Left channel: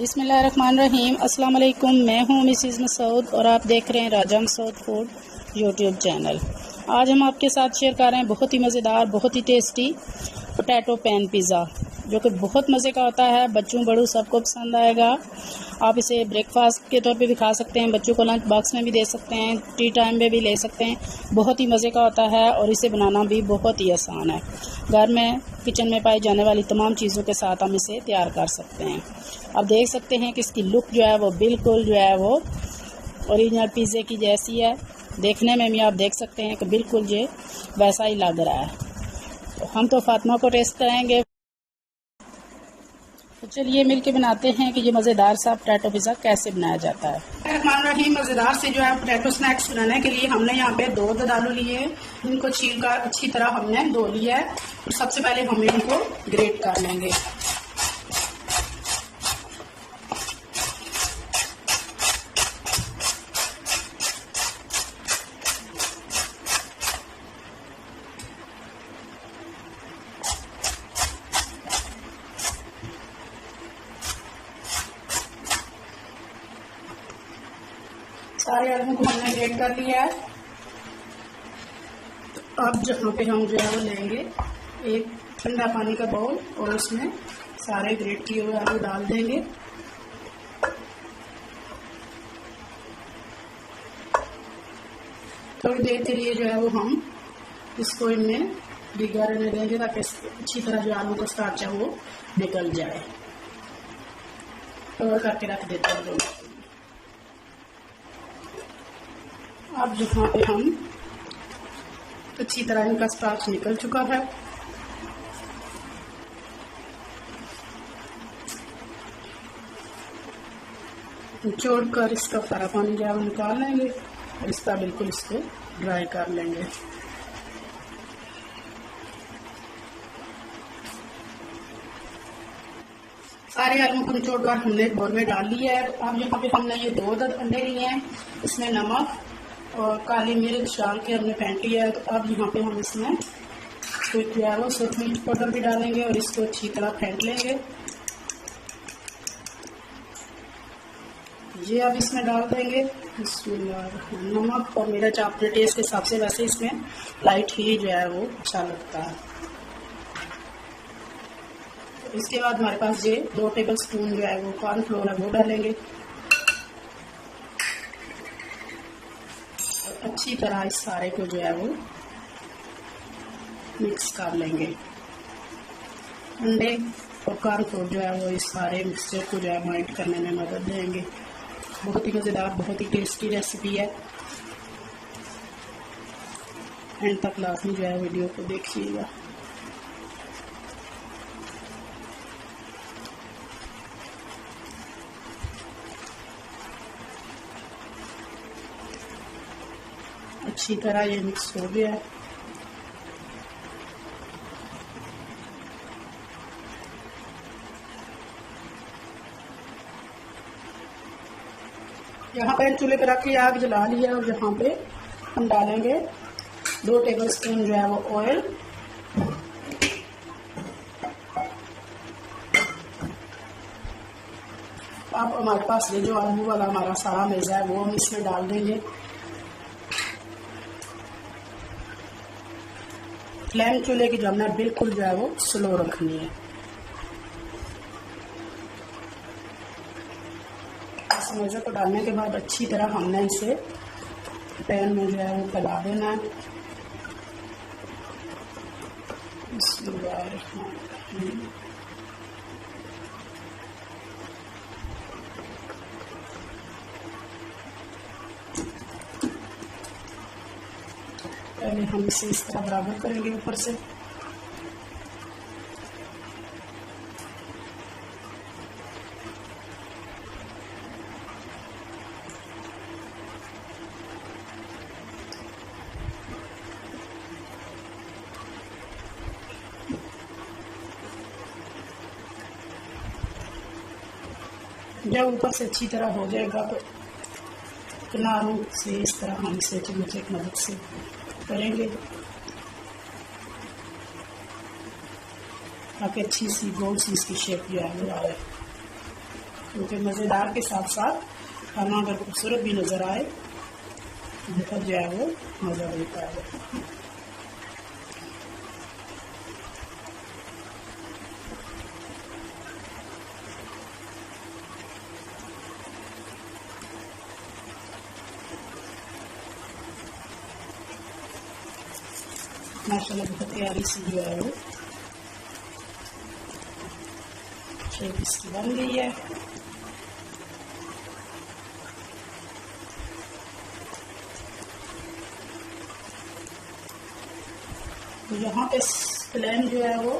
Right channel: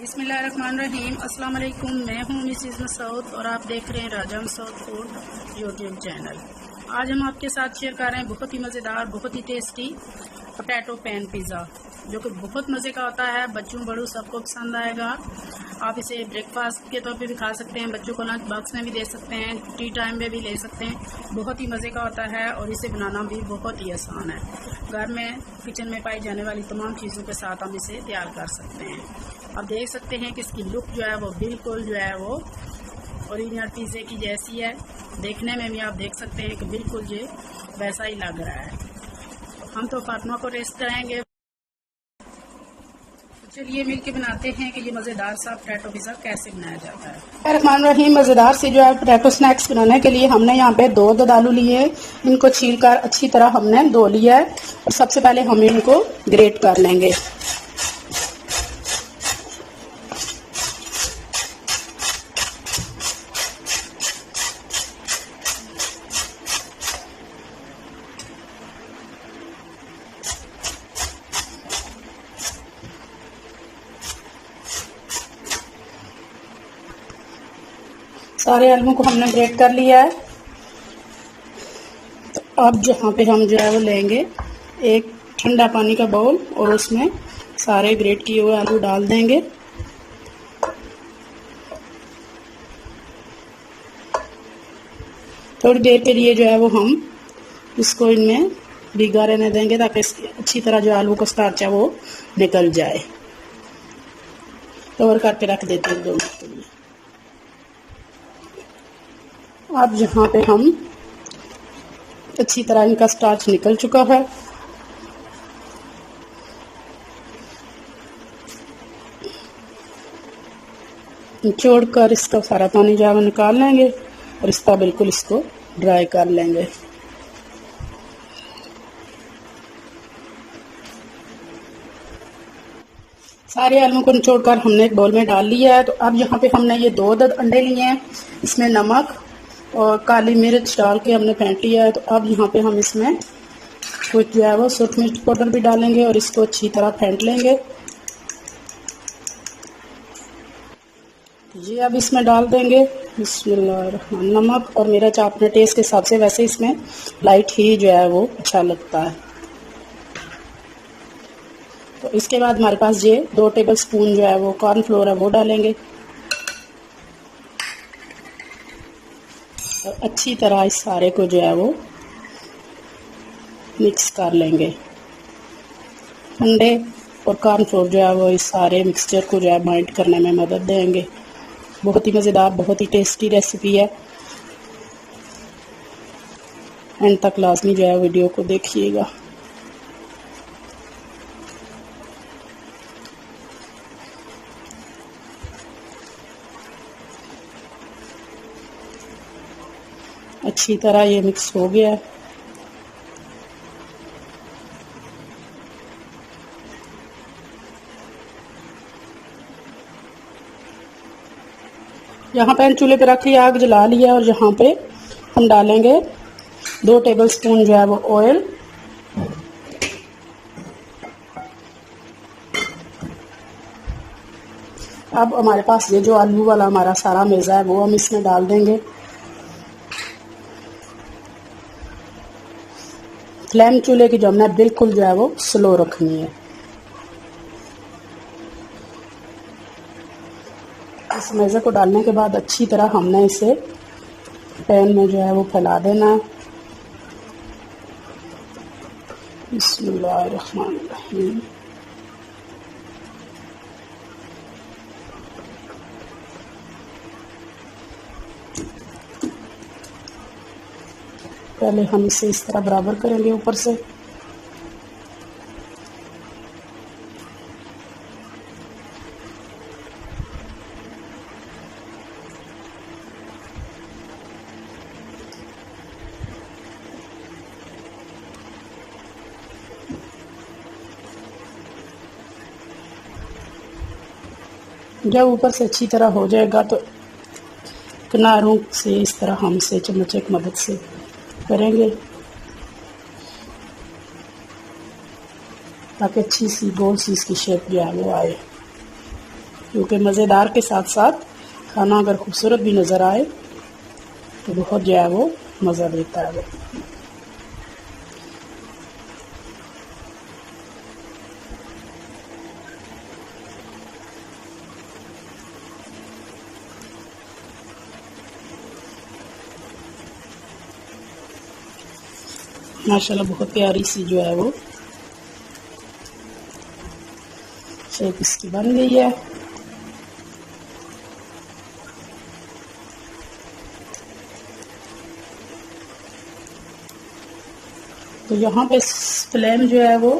बिस्मिल्लाहिर्रहमानिर्रहीम। अस्सलाम वालेकुम। मैं हूँ मिसिज़ मसूद और आप देख रहे हैं राजा मसूद फूड यूट्यूब चैनल। आज हम आपके साथ शेयर कर रहे हैं बहुत ही मज़ेदार, बहुत ही टेस्टी पोटैटो पैन पिज़्ज़ा, जो कि बहुत मज़े का होता है। बच्चों बड़ों सबको पसंद आएगा। आप इसे ब्रेकफास्ट के तौर पे भी खा सकते हैं, बच्चों को लंच बॉक्स में भी दे सकते हैं, टी टाइम में भी ले सकते हैं। बहुत ही मज़े का होता है और इसे बनाना भी बहुत ही आसान है। घर में किचन में पाई जाने वाली तमाम चीज़ों के साथ हम इसे तैयार कर सकते हैं। आप देख सकते हैं कि इसकी लुक जो है वो बिल्कुल जो है वो ओरिजिनल पिज़्ज़े की जैसी है। देखने में भी आप देख सकते हैं कि बिल्कुल ये वैसा ही लग रहा है। तो हम तो फातिमा को टेस्ट कराएंगे। तो चलिए मिलके बनाते हैं कि ये मज़ेदार सा पोटैटो पिज़्ज़ा कैसे बनाया जाता है। रहमान रहीम। मज़ेदार से जो है पोटैटो स्नैक्स बनाने के लिए हमने यहाँ पे 2 दूध आलू लिए हैं। इनको छीलकर अच्छी तरह हमने धो लिया है और सबसे पहले हम इनको ग्रेट कर लेंगे। सारे आलू को हमने ग्रेट कर लिया है। तो अब जहाँ पे हम जो है वो लेंगे एक ठंडा पानी का बाउल और उसमें सारे ग्रेट किए हुए आलू डाल देंगे। थोड़ी देर के लिए जो है वो हम इसको इनमें भिगा रहने देंगे ताकि अच्छी तरह जो आलू का स्टार्च है वो निकल जाए। कवर करके रख देते हैं 2 मिनट के लिए। अब यहाँ पे हम अच्छी तरह इनका स्टार्च निकल चुका है। निचोड़ कर इसका सारा पानी जो है वो निकाल लेंगे और इस पर बिल्कुल इसको ड्राई कर लेंगे। सारे आलू को निचोड़कर हमने एक बाउल में डाल लिया है। तो अब यहाँ पे हमने ये 2 अंडे लिए हैं, इसमें नमक और काली मिर्च डाल के हमने फेंट लिया है। तो अब यहाँ पे हम इसमें कुछ जो है वो सूरज मिर्च पाउडर भी डालेंगे और इसको अच्छी तरह फेंट लेंगे। ये अब इसमें डाल देंगे बिस्मिल्लाह नमक और मिर्च अपने टेस्ट के हिसाब से, वैसे इसमें लाइट ही जो है वो अच्छा लगता है। तो इसके बाद हमारे पास ये 2 टेबलस्पून जो है वो कॉर्नफ्लोर है वो डालेंगे और अच्छी तरह इस सारे को जो है वो मिक्स कर लेंगे। अंडे और कॉर्नफ्लोर जो है वो इस सारे मिक्सचर को जो है बाइंड करने में मदद देंगे। बहुत ही मज़ेदार, बहुत ही टेस्टी रेसिपी है। एंड तक लाजमी जो है वीडियो को देखिएगा। अच्छी तरह ये मिक्स हो गया। यहाँ पे चूल्हे पे रख लिया, आग जला लिया और यहाँ पे हम डालेंगे 2 टेबलस्पून जो है वो ऑयल। अब हमारे पास ये जो आलू वाला हमारा सारा मेज़ा है वो हम इसमें डाल देंगे। फ्लेम चूल्हे की जो हमने बिल्कुल जो है वो स्लो रखनी है। इस मेज़े को डालने के बाद अच्छी तरह हमने इसे पैन में जो है वो फैला देना है। बिस्मिल्लाहिर्रहमानिर्रहीम। पहले हम इसे इस तरह बराबर करेंगे ऊपर से। जब ऊपर से अच्छी तरह हो जाएगा तो किनारों से इस तरह हम इसे चम्मच की मदद से करेंगे ताकि अच्छी सी गोल सी इसकी शेप जो है वो आए। क्योंकि मज़ेदार के साथ साथ खाना अगर खूबसूरत भी नज़र आए तो बहुत जो है वो मज़ा देता है। माशाल्लाह बहुत प्यारी सी जो है वो शेप इसकी बन गई है। तो यहाँ पे फ्लेम जो है वो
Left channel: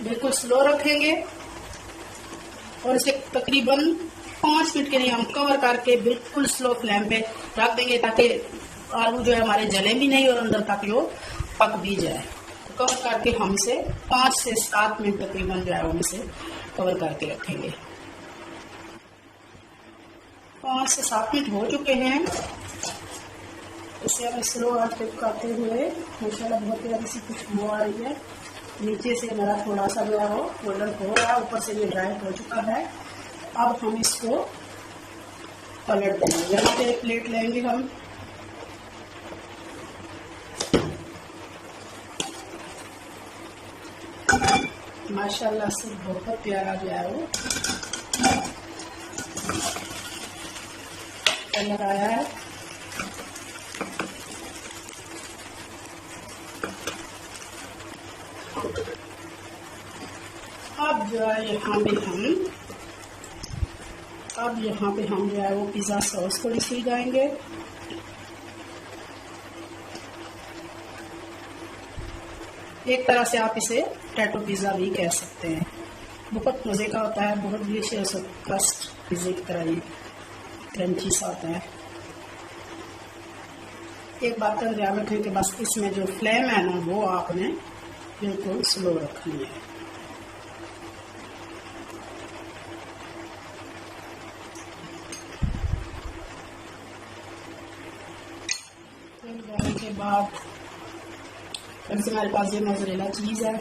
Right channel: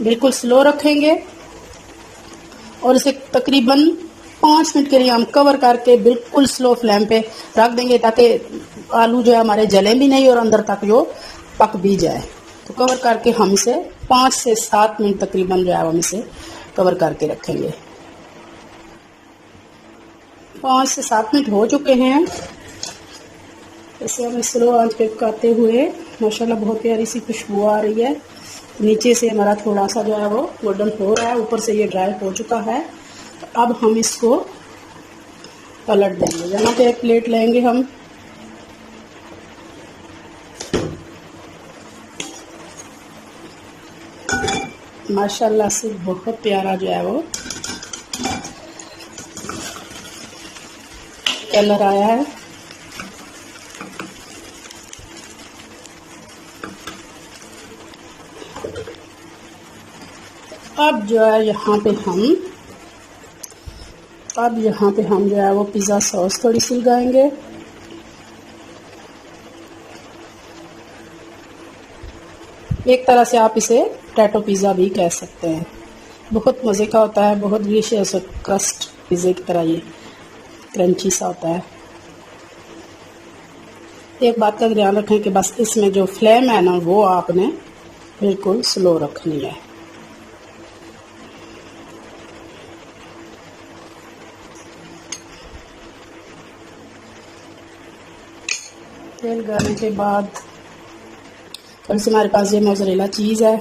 बिल्कुल स्लो रखेंगे और इसे तकरीबन 5 मिनट के लिए हम कवर करके बिल्कुल स्लो फ्लेम पे रख देंगे ताकि आलू जो है हमारे जले भी नहीं और अंदर तक जो पक भी जाए। तो कवर करके हम इसे 5 से 7 मिनट तकरीबन जो है हम इसे कवर करके रखेंगे। 5 से 7 मिनट हो चुके हैं। इसे हम स्लो आंच पे पकाते हुए माशाल्लाह बहुत प्यारी सी खुशबू आ रही है। नीचे से हमारा थोड़ा सा जो है वो गोल्डन हो रहा है, ऊपर से ये ड्राई हो चुका है। अब हम इसको पलट देंगे। यहाँ पे एक प्लेट लेंगे हम, माशाल्लाह से बहुत प्यारा जो है वो कलर आया है। अब जो है यहाँ पे हम जो है वो पिज़्ज़ा सॉस थोड़ी सी लगाएंगे। एक तरह से आप इसे पोटैटो पिज़्ज़ा भी कह सकते हैं। बहुत मज़े का होता है, बहुत डिलीशियस क्रस्ट पिज़्ज़े की तरह ये क्रंची सा होता है। एक बात का ध्यान रखें कि बस इसमें जो फ्लेम है ना वो आपने बिल्कुल स्लो रखनी है। तेल डालने के बाद फिर से हमारे पास ये मोज़रेला चीज़ है,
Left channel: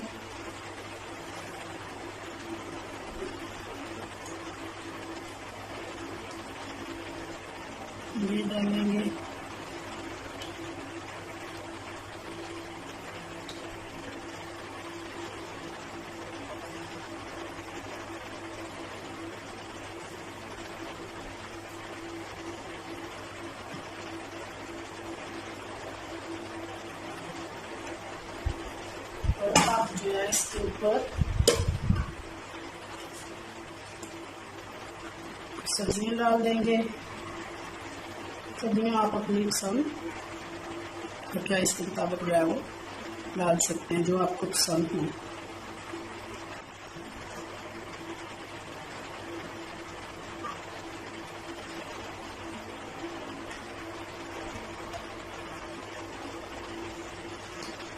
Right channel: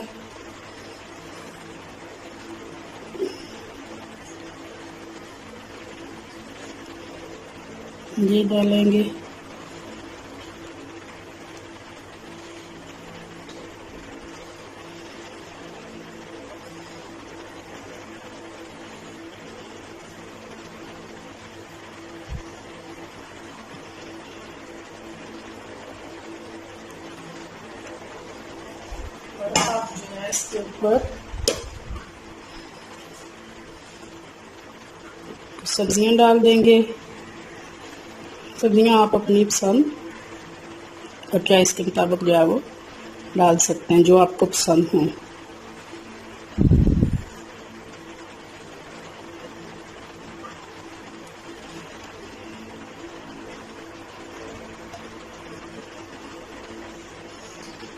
ये डालेंगे। और अब जो है इसके ऊपर सब्जियां डाल देंगे। सब्जियां आप अपनी पसंद और चॉइस के मुताबिक जो है वो डाल सकते हैं, जो आपको पसंद हो।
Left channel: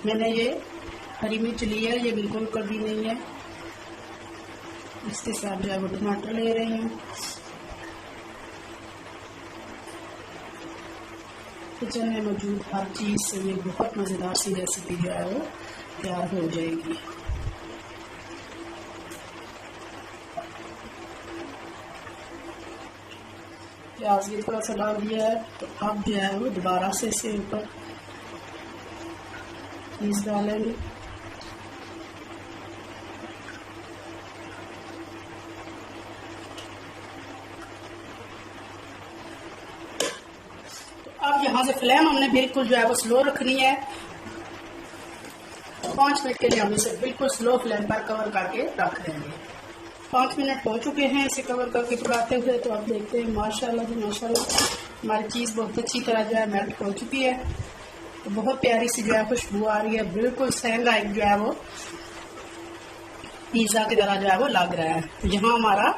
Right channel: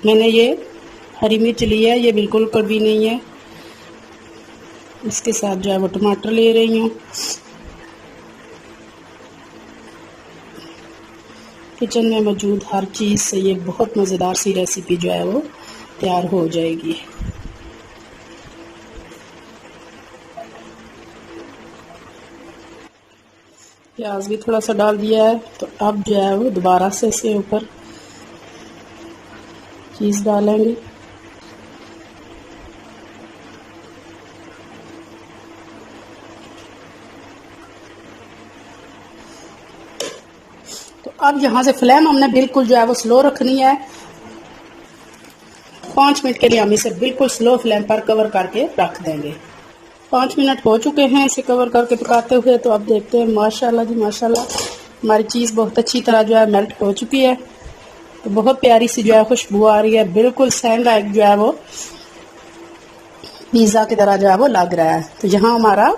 मैंने ये हरी मिर्च ली है, ये बिल्कुल कड़वी नहीं है। इसके साथ जो है वो टमाटर ले रही हूँ। किचन में मौजूद हर चीज़ से ये बहुत मज़ेदार सी रेसिपी जो है वो तैयार हो जाएगी। प्याज भी थोड़ा सा डाल दिया है। तो अब जो है वो दोबारा से इसके ऊपर चीज़ डालेंगे। तो अब यहाँ से फ्लेम हमने बिल्कुल जो है वो स्लो रखनी है। 5 मिनट के लिए हम इसे बिल्कुल स्लो फ्लेम पर कवर करके रख देंगे। 5 मिनट हो चुके हैं इसे कवर करके पकाते हुए। तो अब देखते हैं माशाल्लाह जी माशाल्लाह हमारी चीज़ बहुत अच्छी तरह जो है मेल्ट हो चुकी है। तो बहुत प्यारी सी जो है खुशबू आ रही है। बिल्कुल सहंगा एक जो है वो पिज़्ज़ा की तरह जो है वो लग रहा है। तो यहाँ हमारा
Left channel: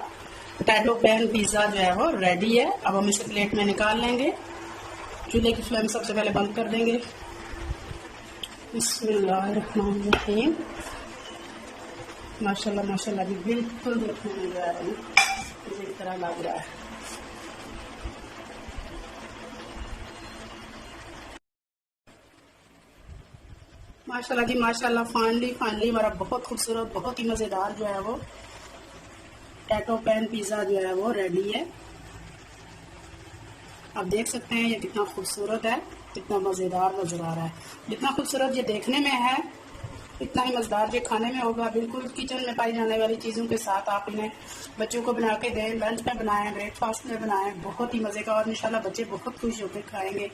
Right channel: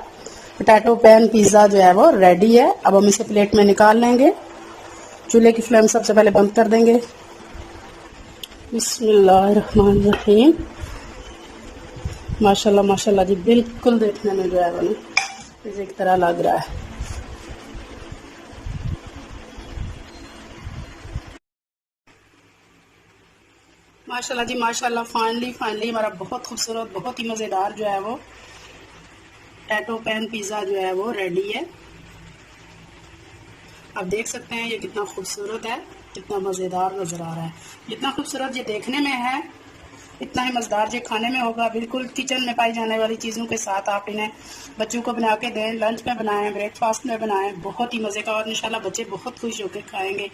पोटैटो पैन पिज़्ज़ा जो है वो रेडी है। अब हम इसे प्लेट में निकाल लेंगे। चूल्हे की फ्लेम सबसे पहले बंद कर देंगे। बिस्मिल्लाहिर्रहमानिर्रहीम। माशाल्लाह माशाल्लाह जी बिल्कुल देखने में जो है वो पिज़्ज़े की तरह लग रहा है। माशाल्लाह जी माशाल्लाह फाइनली हमारा बहुत खूबसूरत बहुत ही मज़ेदार जो है वो पोटैटो पैन पिज़्ज़ा जो है वो रेडी है। आप देख सकते हैं ये कितना खूबसूरत है, कितना मज़ेदार नज़र आ रहा है। जितना खूबसूरत ये देखने में है इतना ही मज़ेदार ये खाने में होगा। बिल्कुल किचन में पाई जाने वाली चीज़ों के साथ आप इन्हें बच्चों को बना के दें, लंच में बनाएं, ब्रेकफास्ट में बनाएं, बहुत ही मज़े का, और इंशाल्लाह बच्चे बहुत खुश होकर खाएंगे।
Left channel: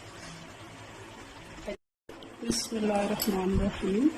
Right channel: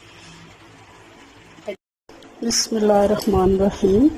बिस्मिल्लाहिर्रहमानिर्रहीम।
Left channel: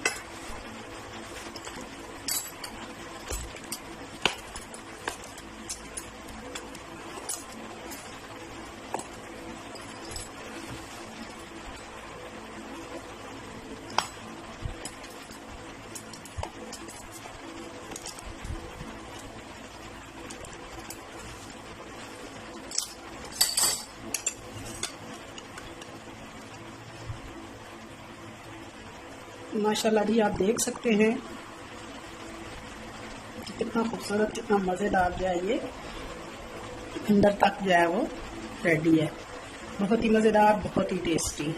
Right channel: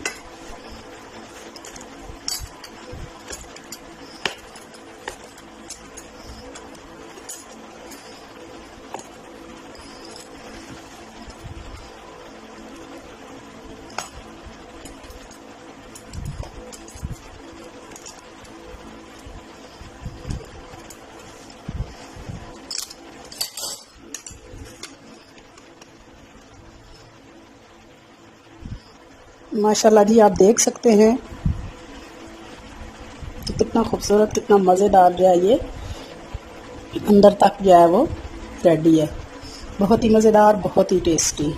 माशाल्लाह जी, आप देख सकते हैं कि कितना खूबसूरत, कितना मज़ेदार जो है ये अंदर तक जो है वो रेडी है। बहुत ही मज़ेदार, बहुत ही टेस्टी।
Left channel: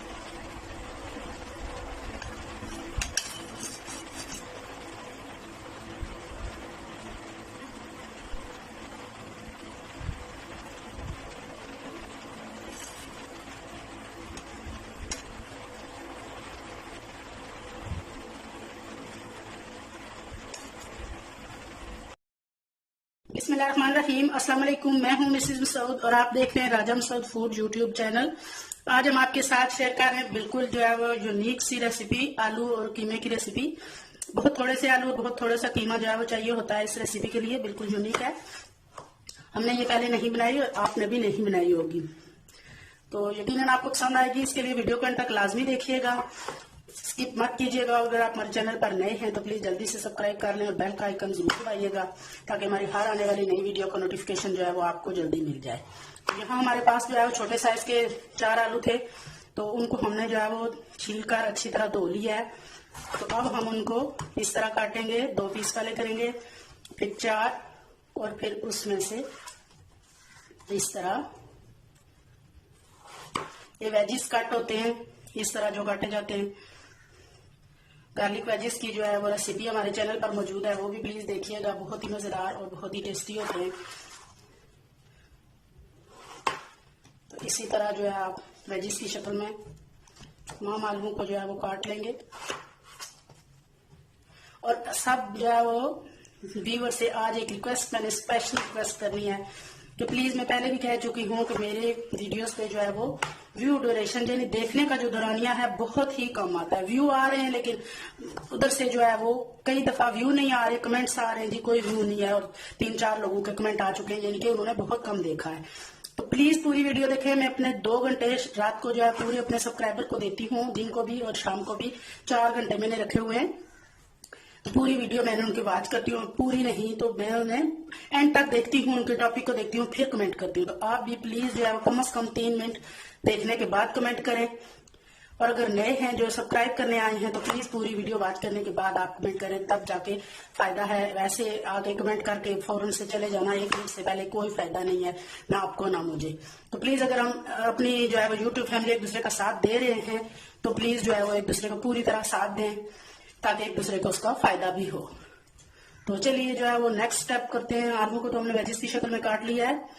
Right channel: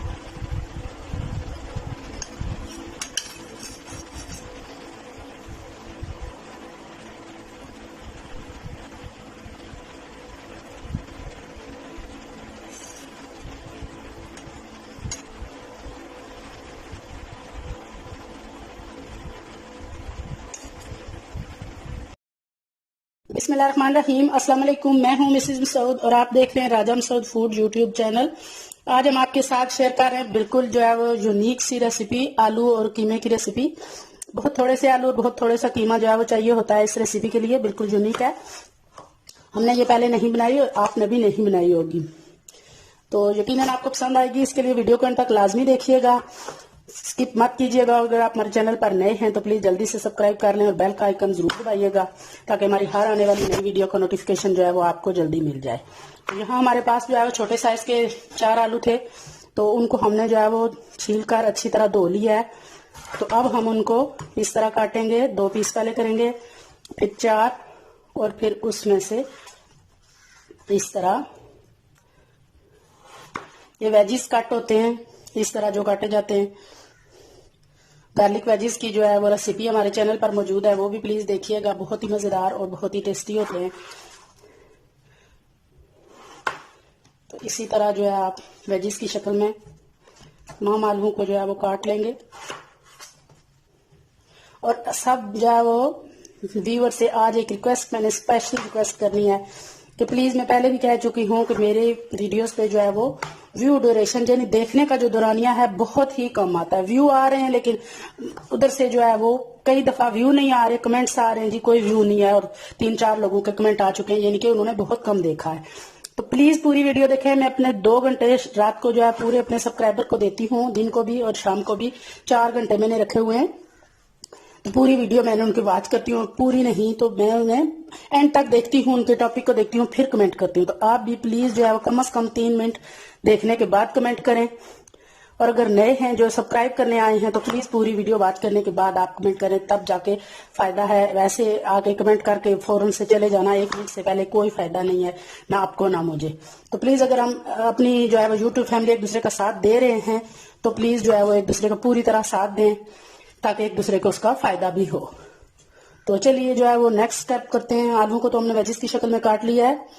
बिस्मिल्लाहिर्रहमानिर्रहीम। अस्सलाम वालेकुम। मैं हूं मिसेस मसूद और आप देख रहे हैं राजा मसूद फूड यूट्यूब चैनल। आज हम आपके साथ शेयर कर रहे हैं बिल्कुल जो है वो यूनिक सी रेसिपी, आलू और कीमे की रेसिपी। बहुत थोड़े से आलू और बहुत थोड़े सा कीमा जो है वो चाहिए होता है इस रेसिपी के लिए। बिल्कुल यूनिक है, हमने ये पहले नहीं बनाई और आपने भी नहीं बनाई होगी, तो यकीनन आपको पसंद आएगी। इसके लिए वीडियो को अंत तक लाजमी देखिएगा, स्किप मत कीजिएगा। अगर आप हमारे चैनल पर नए हैं तो प्लीज़ जल्दी से सब्सक्राइब कर लें और बेल का आइकन जरूर दबाइएगा ताकि हमारी हर आने वाली नई वीडियो का नोटिफिकेशन जो है वो आपको जल्दी मिल जाए। यहाँ हमारे पास जो है वो छोटे साइज़ के 4 आलू थे, तो उनको हमने जो है वो छील कर अच्छी तरह धो लिया है। तो अब हम उनको इस तरह काटेंगे, 2 पीस पहले करेंगे, फिर 4, और फिर उसमें से इस तरह ये वेजिस कट होते हैं, इस तरह जो काटे जाते हैं। गार्लिक वेजिस की जो है वो रेसिपी हमारे चैनल पर मौजूद है, वो भी प्लीज़ देखिएगा। बहुत ही मज़ेदार और बहुत ही टेस्टी होते हैं। तो इसी तरह जो है आप वेजिस की शक्ल में 9 आलू को जो है वो काट लेंगे। और सब जो है वो व्यूअर से आज एक रिक्वेस्ट, मैंने स्पेशल रिक्वेस्ट करनी है कि प्लीज़, मैं पहले भी कह चुकी हूँ कि मेरे वीडियोस पे जो है वो व्यू ड्यूरेशन यानी देखने का जो दौरानिया है बहुत ही कम आता है। व्यू आ रहे हैं लेकिन उधर से जो है वो कई दफ़ा व्यू नहीं आ रहे, कमेंट्स आ रहे हैं जी कोई व्यू नहीं है, और 3-4 लोगों के कमेंट आ चुके हैं, यानी कि उन्होंने बहुत कम देखा है। तो प्लीज़ पूरी वीडियो देखें। मैं अपने 2 घंटे रात को जो है पूरे अपने सब्सक्राइबर को देती हूँ, दिन को भी और शाम को भी 4 घंटे मैंने रखे हुए हैं। तो पूरी वीडियो मैंने उनकी वॉच करती हूँ, पूरी नहीं तो मैं उन्हें एंड तक देखती हूँ, उनके टॉपिक को देखती हूँ, फिर कमेंट करती हूँ। तो आप भी प्लीज़ जो है कम से कम 3 मिनट देखने के बाद कमेंट करें। और अगर नए हैं जो सब्सक्राइब करने आए हैं तो प्लीज़ पूरी वीडियो वॉच करने के बाद आप कमेंट करें, तब जाके फ़ायदा है। वैसे आके कमेंट करके फ़ौरन से चले जाना 1 मिनट से पहले कोई फ़ायदा नहीं है, ना आपको ना मुझे। तो प्लीज़ अगर हम अपनी जो है वो यूट्यूब फैमिली एक दूसरे का साथ दे रहे हैं तो प्लीज़ जो है वो एक दूसरे का पूरी तरह साथ दें ताकि एक दूसरे को उसका फ़ायदा भी हो। तो चलिए जो है वो नेक्स्ट स्टेप करते हैं। आलू को तो हमने वेजिस की शक्ल में काट लिया है।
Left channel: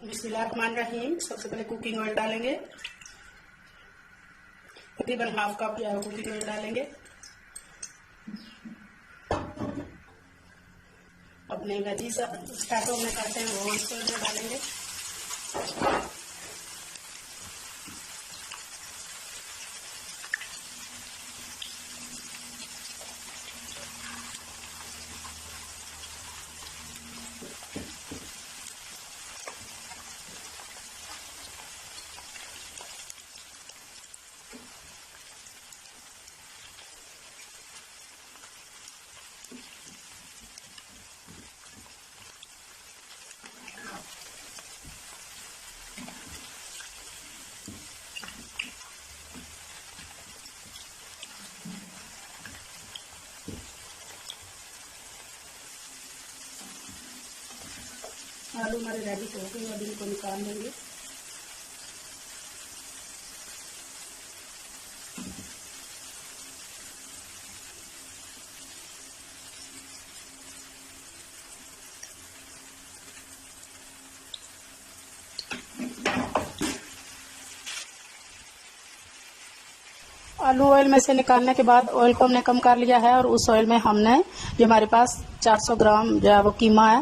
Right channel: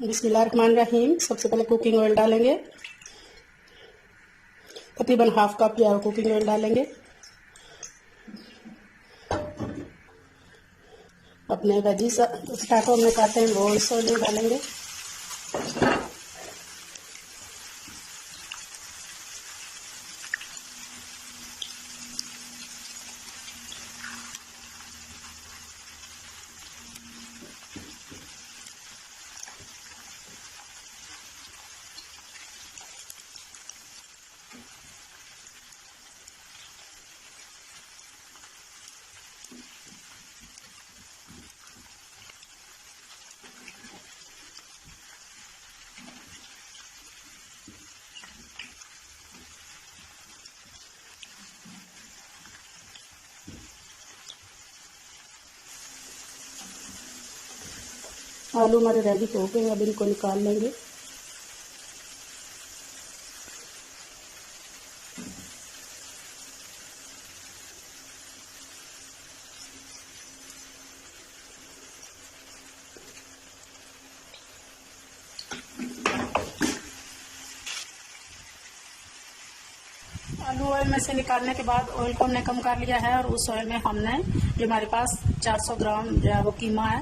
बिस्मिल्लाहिर्रहमानिर्रहीम। सबसे पहले कुकिंग ऑयल डालेंगे, तकरीबन ½ कप या कुकिंग ऑयल डालेंगे। अपने वेजिस पोटैटो में काटे हैं वो इस ऑयल में डालेंगे। आलू हमारे रेडी हो गए, अब इनको निकाल लेंगे। आलू ऑयल में से निकालने के बाद ऑयल को हमने कम कर लिया है और उस ऑयल में हमने जो हमारे पास 400 ग्राम जो है वो कीमा है,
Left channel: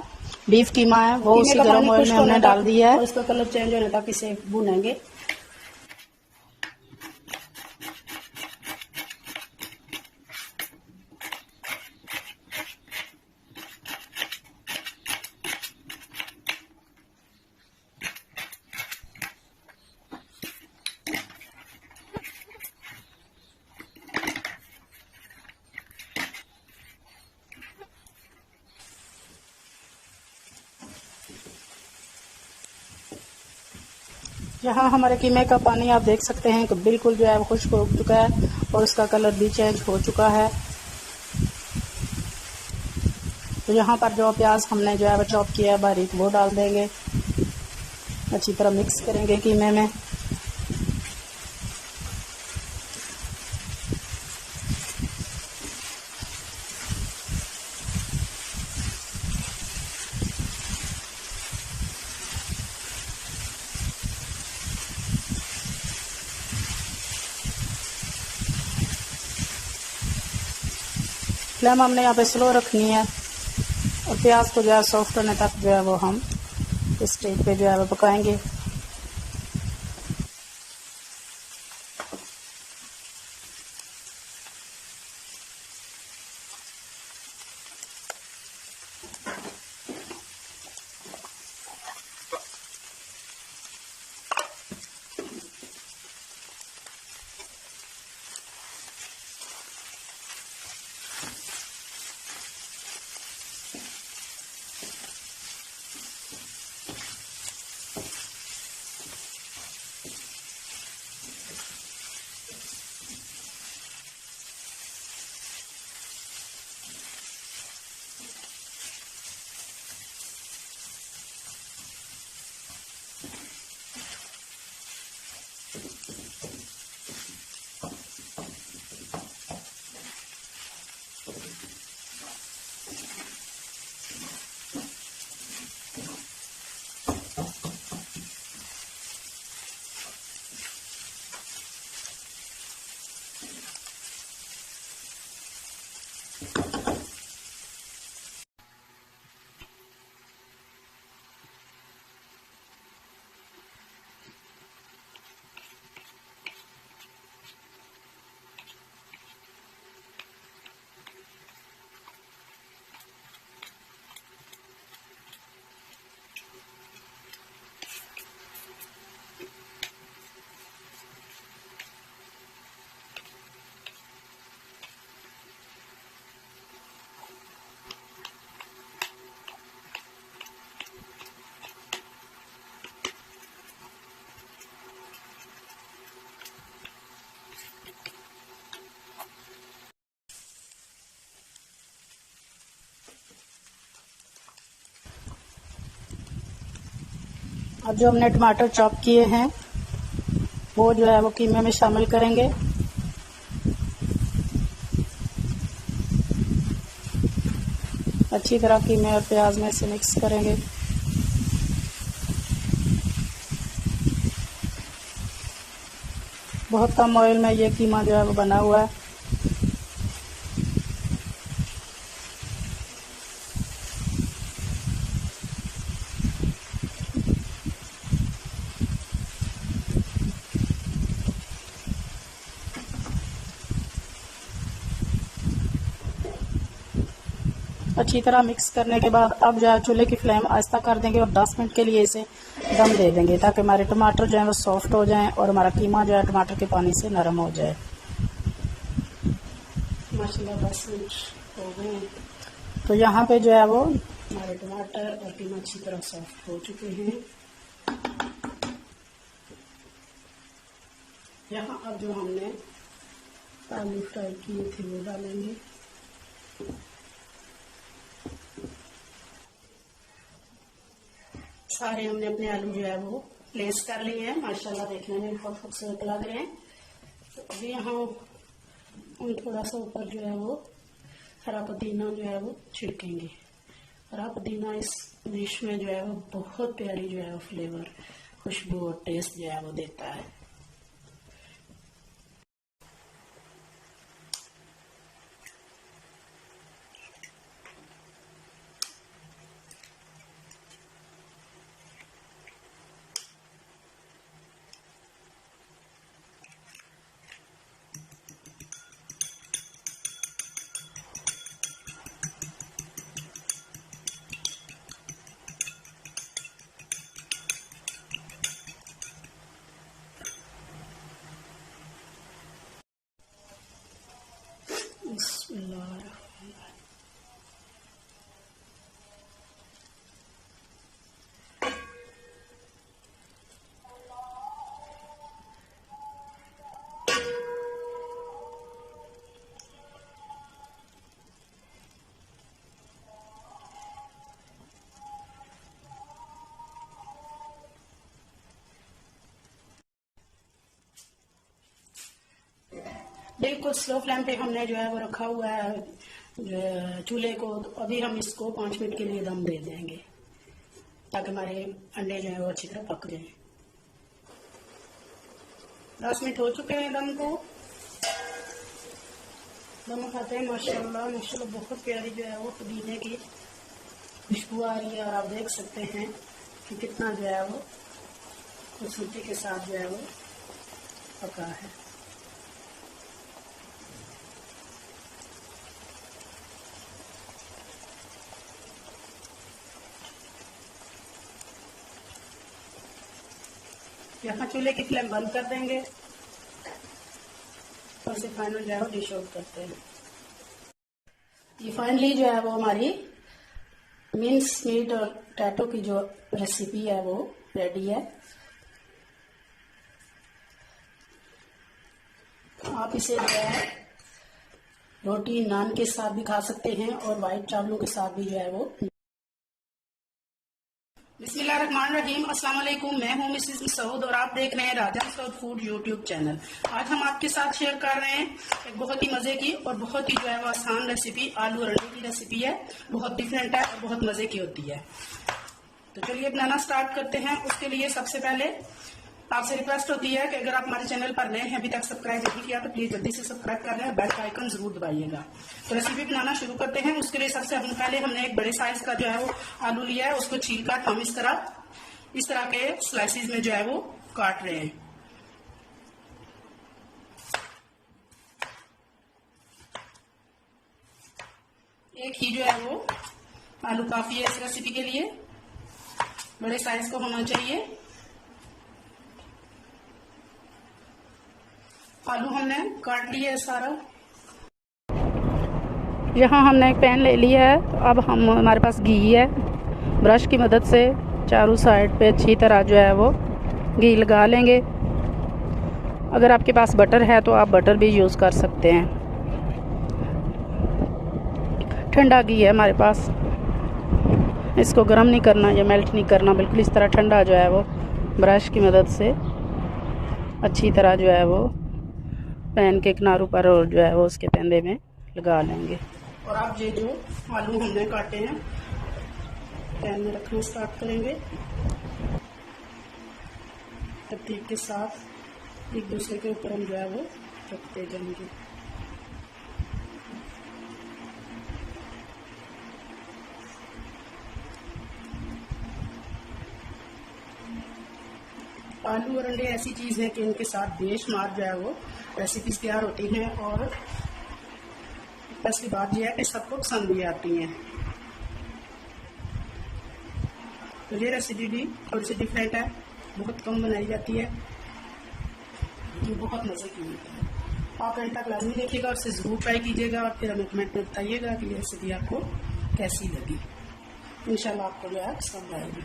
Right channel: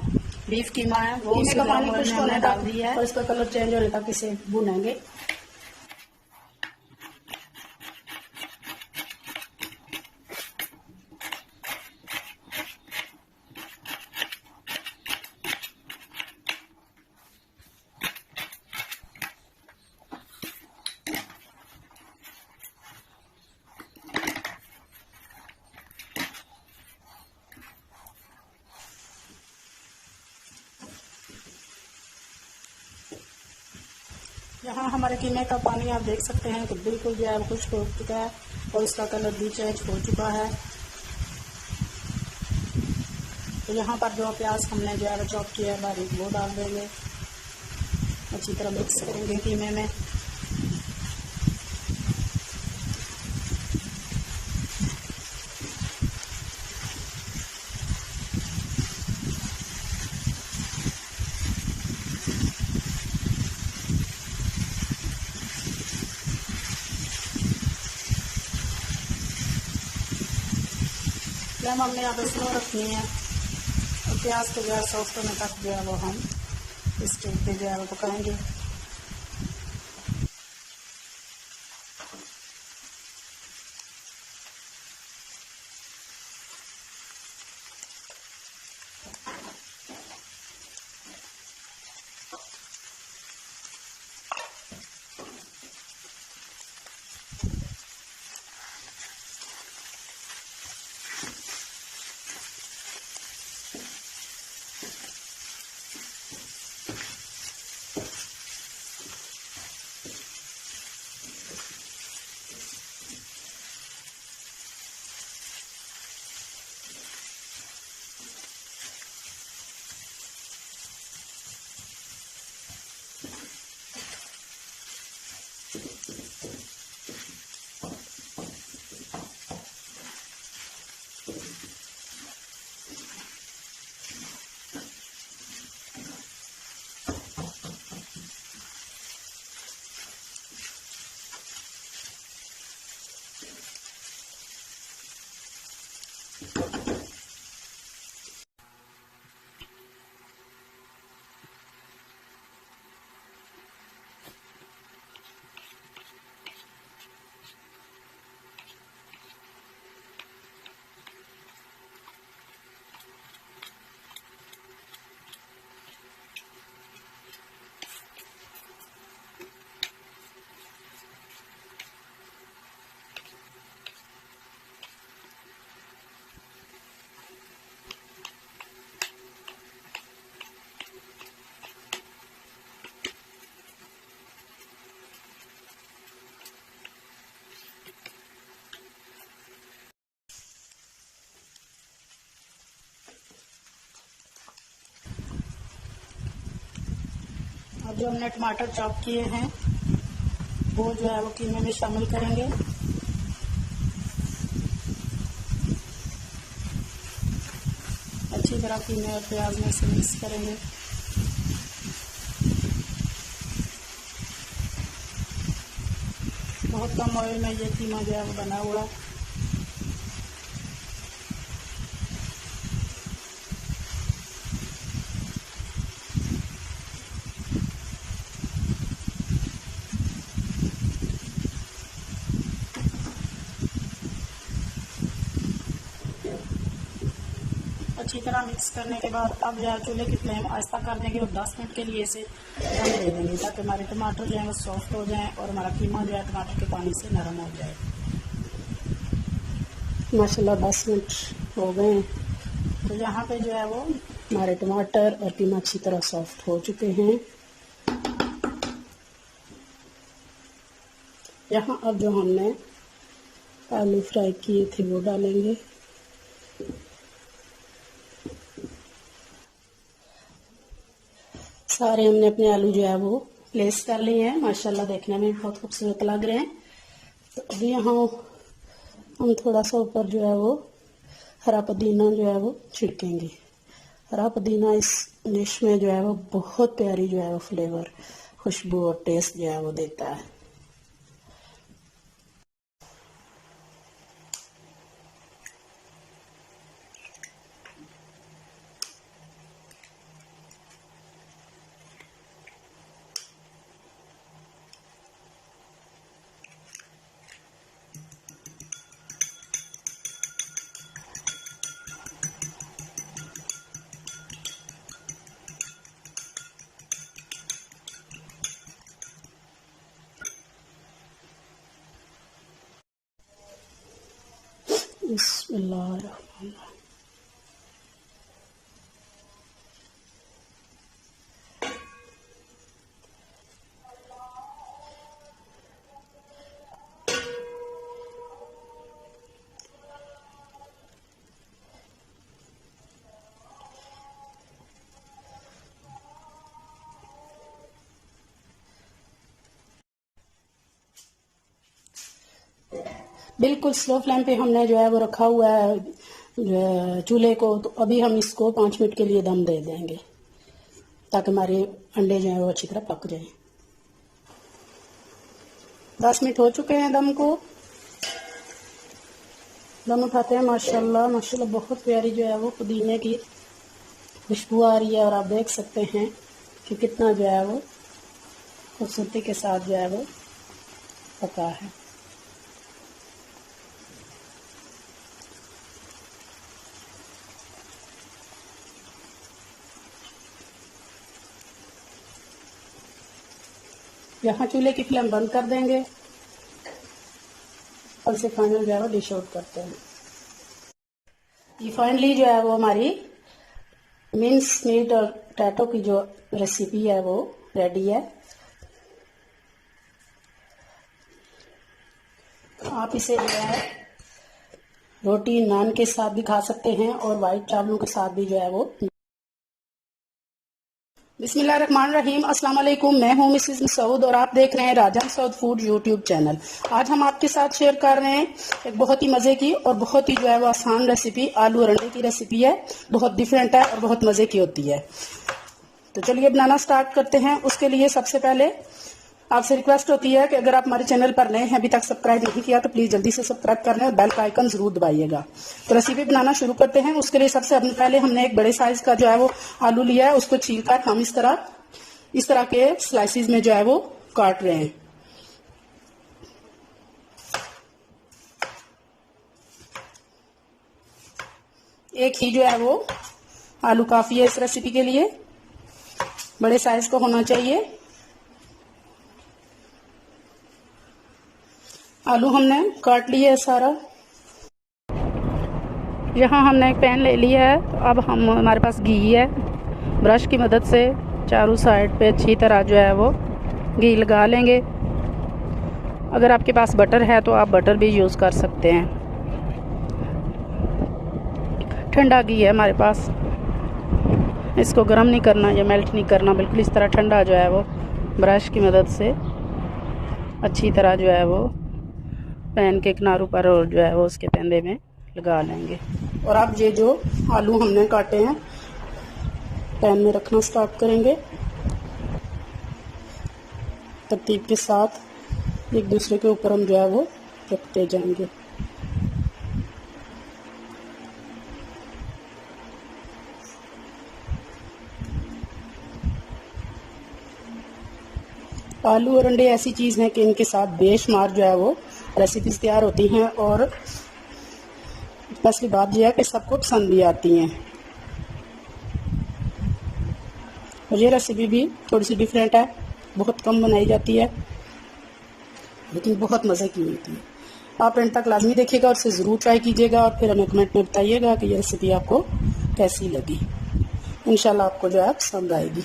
बीफ कीमा है, वो उसी गर्म ऑयल में हमने डाल दिया है और इसका कलर चेंज होने तक इसे भूनेंगे। यहाँ हमारे कीमे का पानी आप देख सकते हैं कि बिल्कुल जो है वो खुश्क हो चुका है और उसका कलर भी चेंज हो चुका है। तो यहाँ पर जो प्याज हमने जो है वो चॉप किया है बारीक, वो डाल देंगे। अच्छी तरह मिक्स करेंगे कीमे में। फ्लेम हमने यहाँ पे स्लो रखनी है और प्याज को जो है सॉफ्ट होने तक जो है वो हम इस स्टेज पे जो है वो पकाएंगे। अब जो हमने टमाटर चॉप किए हैं वो जो है वो कीमे में शामिल करेंगे। अच्छी तरह कीमे और प्याज में से मिक्स करेंगे। बहुत कम ऑयल में ये कीमा जो है वो बना हुआ है। अच्छी तरह मिक्स करने के बाद अब जो है चूल्हे की फ्लेम आहिस्ता कर देंगे और 10 मिनट के लिए इसे दम दे देंगे ताकि हमारे टमाटर जो है वो सॉफ्ट हो जाएं और हमारा कीमा जो है टमाटर के पानी से नरम हो जाए। माशाल्लाह 10 मिनट हो गए। तो यहाँ पे जो है वो हमारे टमाटर और कीमा अच्छी तरह सॉफ्ट हो चुके हैं। यहाँ अब जो हमने आलू फ्राई किए थे वो डालेंगे। सारे हमने अपने आलू जो है वो प्लेस कर लिए हैं। माशाल्लाह देखने में बहुत खूबसूरत लग रहे हैं। तो अभी यहाँ हम थोड़ा सा ऊपर जो है वो हरा पुदीना जो है वो छिड़केंगे। हरा पुदीना इस डिश में जो है वो बहुत प्यारी जो है वो फ्लेवर, खुशबू और टेस्ट जो है वो देता है। बिस्मिल्लाह। बिल्कुल स्लो फ्लेम पे हमने जो है वो रखा हुआ है चूल्हे को। तो अभी हम इसको 5 मिनट के लिए दम दे देंगे ताकि हमारे अंडे जो है वो अच्छी तरह पक जाएं। 10 मिनट हो चुके हैं दम को। दम उठाते हैं। माशाल्लाह माशाल्लाह बहुत प्यारी जो है वो पुदीने की खुशबू आ रही है और आप देख सकते हैं कि कितना जो है वो खूबसूरती के साथ जो है वो पका है। यहाँ चूल्हे की फ्लेम बंद कर देंगे और इसे फाइनल जो है वो डिश आउट करते हैं। ये फाइनली जो है वो हमारी मिन्स मीट और पोटैटो की जो रेसिपी है वो रेडी है। आप इसे जो है रोटी नान के साथ भी खा सकते हैं और वाइट चावलों के साथ भी जो है वो। बिस्मिल्लाहिर्रहमानिर्रहीम, अस्सलाम वालेकुम। मैं हूं मिसेस मसूद और आप देख रहे हैं राजा मसूद फूड यूट्यूब चैनल। आज हम आपके साथ शेयर कर रहे हैं एक बहुत ही मज़े की और बहुत ही जो है वो आसान रेसिपी। आलू और अंडे की रेसिपी है, बहुत डिफरेंट है और बहुत मज़े की होती है। तो चलिए बनाना स्टार्ट करते हैं। उसके लिए सबसे पहले आपसे रिक्वेस्ट होती है कि अगर आप हमारे चैनल पर नए हैं, अभी तक सब्सक्राइब नहीं किया तो प्लीज जल्दी से सब्सक्राइब कर लें और बेल का आइकन जरूर दबाइएगा। तो रेसिपी बनाना शुरू करते हैं। उसके लिए सबसे पहले हमने एक बड़े साइज का जो है वो आलू लिया है। उसको छील कर हम इस तरह के स्लाइसिस में जो है वो काट रहे हैं। एक ही जो है वो आलू काफी है इस रेसिपी के लिए, बड़े साइज का होना चाहिए। आलू हमने काट लिया है सारा। यहाँ हमने एक पैन ले लिया है। तो अब हमारे पास घी है। ब्रश की मदद से चारों साइड पे अच्छी तरह जो है वो घी लगा लेंगे। अगर आपके पास बटर है तो आप बटर भी यूज़ कर सकते हैं। ठंडा घी है हमारे पास, इसको गर्म नहीं करना या मेल्ट नहीं करना, बिल्कुल इस तरह ठंडा जो है वो ब्रश की मदद से अच्छी तरह जो है वो पैन के किनारों पर और जो है वो उसके पेंदे में लगा लेंगे। और अब ये जो आलू हमने काटे हैं पैन में रखना स्टार्ट करेंगे। तरतीब के साथ एक दूसरे के ऊपर हम जो है वो रखते जाएंगे। आलू और अंडे ऐसी चीज़ है कि इनके साथ बेशुमार जो है वो रेसिपीज तैयार होती हैं और स्पेशली बात यह है कि सबको पसंद भी आती हैं। और ये रेसिपी भी थोड़ी सी डिफरेंट है, बहुत कम बनाई जाती है लेकिन बहुत मज़े की होती है। आप एंड तक लाजमी देखिएगा और इसे ज़रूर ट्राई कीजिएगा और फिर हमें कमेंट में बताइएगा कि ये रेसिपी आपको कैसी लगी। इंशाल्लाह आपको जो है पसंद आएगी।